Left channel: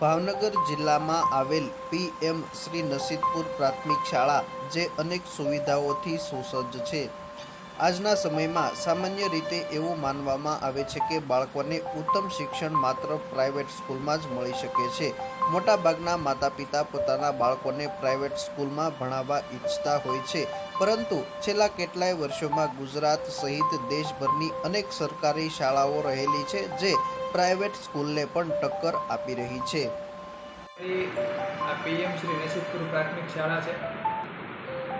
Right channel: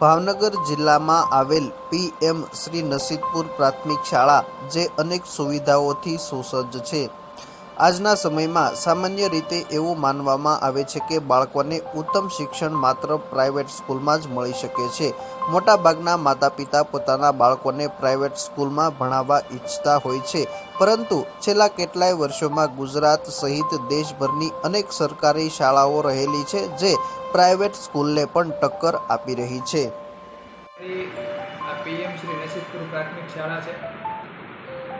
ભાવનગર જિલ્લામાં આવેલ પીએમ શ્રી નસીબપુર પ્રાથમિક શાળા જે અનેક સુવિધાઓથી સુસજ્જ છે. આજના સમયમાં સામાન્ય રીતે એવું માનવામાં આવે છે કે બાળકોને ઉત્તમ શિક્ષણ માત્ર પ્રાઇવેટ સ્કૂલમાં જ મળી શકે છે. મોટાભાગના માતા-પિતા પોતાના બાળકોને પ્રાઇવેટ સ્કૂલમાં ભણાવવા ઈચ્છતા હોય છે, પરંતુ છેલ્લા કેટલાય વર્ષોમાં ગુજરાત સહિત દેશભરની અનેક સરકારી શાળાઓ રહેલી છે જે પ્રાઇવેટ સ્કૂલને પણ ટક્કર આપી રહી છે. આ પીએમ શ્રી નસીબપુર પ્રાથમિક શાળા છે.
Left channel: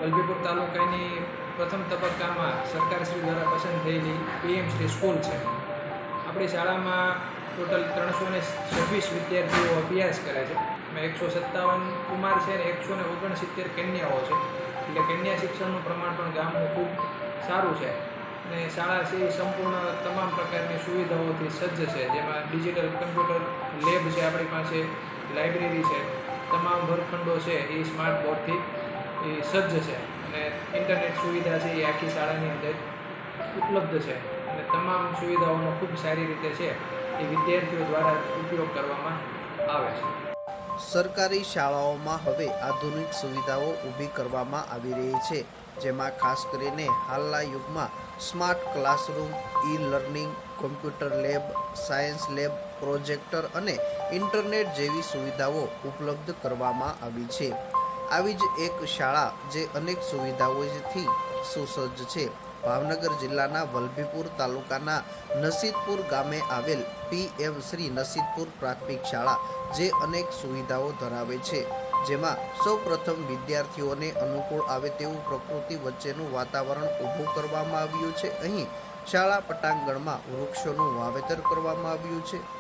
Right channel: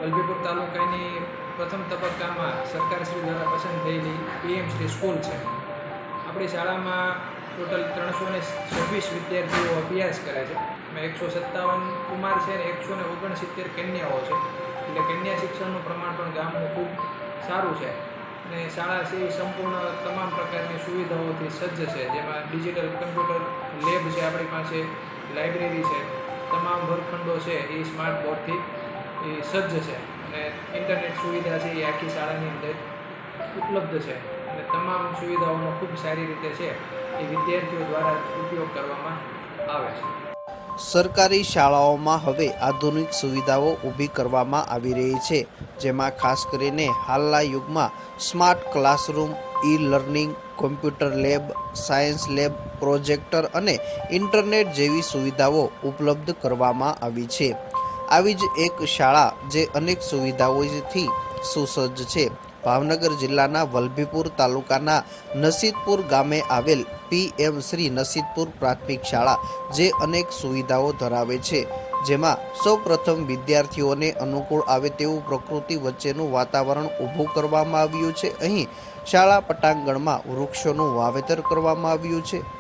વલભીપુર તાલુકાની પ્રથમ તબક્કામાં સરકારશ્રી દ્વારા પસંદ થયેલી પીએમ શ્રી સ્કૂલ છે. આપણી શાળામાં ટોટલ 326 વિદ્યાર્થીઓ અભ્યાસ કરે છે. એમાં 157 કુમાર છે અને 169 કન્યાઓ છે. એટલે કન્યા શિક્ષણનું પ્રમાણ પણ ગામનું ખૂબ સારું છે. અને શાળા છે એ સંપૂર્ણ તમામ પ્રકારની સુવિધાઓથી સજ્જ છે, જેમાં ડિજિટલ કમ્પ્યુટર લેબ છે આપણી પાસે, લાઇબ્રેરી છે, તમામ વર્ગખંડો છે એ સ્માર્ટ બોર્ડથી એ સજ્જ છે અને ઇન્ટરનેટ સુવિધા છે એ આખી શાળાની અંદર ઉપલબ્ધ છે અને તમામ સુવિધાઓનો ખૂબ સારી રીતે છે એ વિદ્યાર્થીઓ દ્વારા ઉપયોગ કરવામાં આવે છે. સરકારી શાળાઓમાં હવે આધુનિક સુવિધાઓ ઊભી કરવામાં આવી રહી છે, જેમાં ખાસ કરીને હાલના યુગમાં smart classroom, e learning, computer lab, science lab, projector અને ઇન્ટરનેટ જેવી સુવિધાઓ ઉપલબ્ધ કરવામાં આવી છે. આવી જ એક શાળા જે અનેક સુવિધાઓથી સુસજ્જ છે. ભાવનગર જિલ્લાના વલભીપુર તાલુકાના નસીબપુર ગામે આવેલ પીએમ શ્રી નસીબપુર પ્રાથમિક શાળા જે અનેક સુવિધાઓ ધરાવે છે, જેમાં સૌપ્રથમ વિદ્યાર્થીઓને અનુકૂળ આવે તેવું પ્રકૃતિ વચ્ચેનું વાતાવરણ ઊભું કરવામાં આવ્યું છે. અહીં શાળા પટાંગણમાં વૃક્ષોનું વાવેતર કરવામાં આવ્યું છે.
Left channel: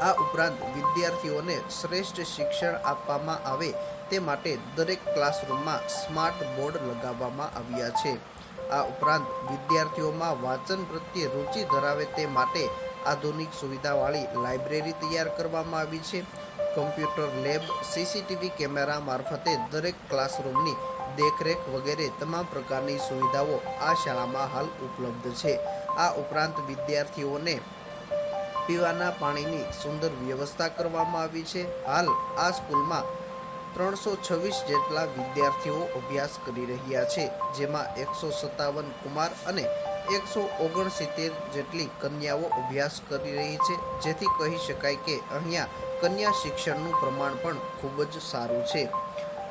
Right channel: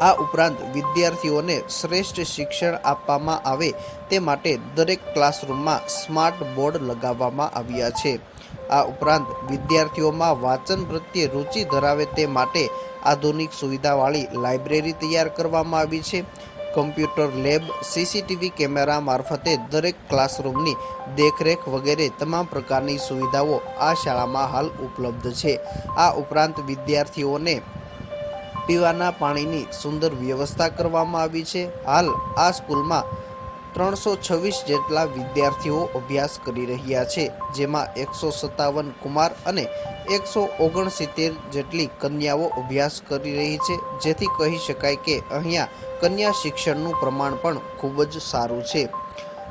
આ ઉપરાંત વિદ્યાર્થીઓને શ્રેષ્ઠ શિક્ષણ આપવામાં આવે તે માટે દરેક ક્લાસરૂમમાં સ્માર્ટ બોર્ડ લગાવવામાં આવ્યા છે. આ ઉપરાંત વિદ્યાર્થીઓમાં વાંચન પ્રત્યે રુચિ ધરાવે તે માટે આધુનિક સુવિધાવાળી લાઇબ્રેરી તૈયાર કરવામાં આવી છે. કમ્પ્યુટર લેબ, સીસીટીવી કેમેરા મારફતે દરેક ક્લાસરૂમની દેખરેખ વગેરે તમામ પ્રકારની સુવિધાઓ આ શાળામાં હાલ ઉપલબ્ધ છે. આ ઉપરાંત વિદ્યાર્થીઓને પીવાના પાણીની સુંદર વ્યવસ્થા કરવામાં આવી છે. હાલ આ સ્કૂલમાં 326 જેટલા વિદ્યાર્થીઓ અભ્યાસ કરી રહ્યા છે, જેમાં 157 કુમાર અને 169 જેટલી કન્યાઓ અભ્યાસ કરી રહી છે, જેથી કહી શકાય કે અહીંયા કન્યા શિક્ષણનું પ્રમાણ પણ ખૂબ જ સારું છે.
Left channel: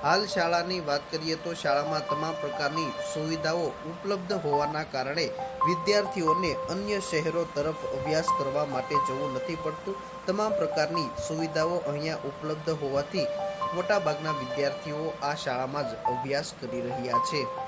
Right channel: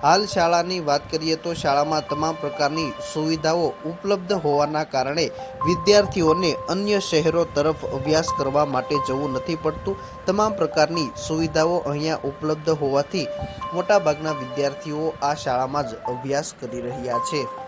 હાલ શાળાની વાત કરીએ તો શાળામાં તમામ પ્રકારની સુવિધાઓ ઉપલબ્ધ હોવાના કારણે વિદ્યાર્થીઓને અન્ય શહેરો તરફ અભ્યાસ કરવા માટે જવું નથી પડતું. તમામ પ્રકારની સુવિધાઓ અહીંયા ઉપલબ્ધ હોવાથી મોટાભાગના વિદ્યાર્થીઓ આ શાળામાં જ અભ્યાસ કરી રહ્યા છે.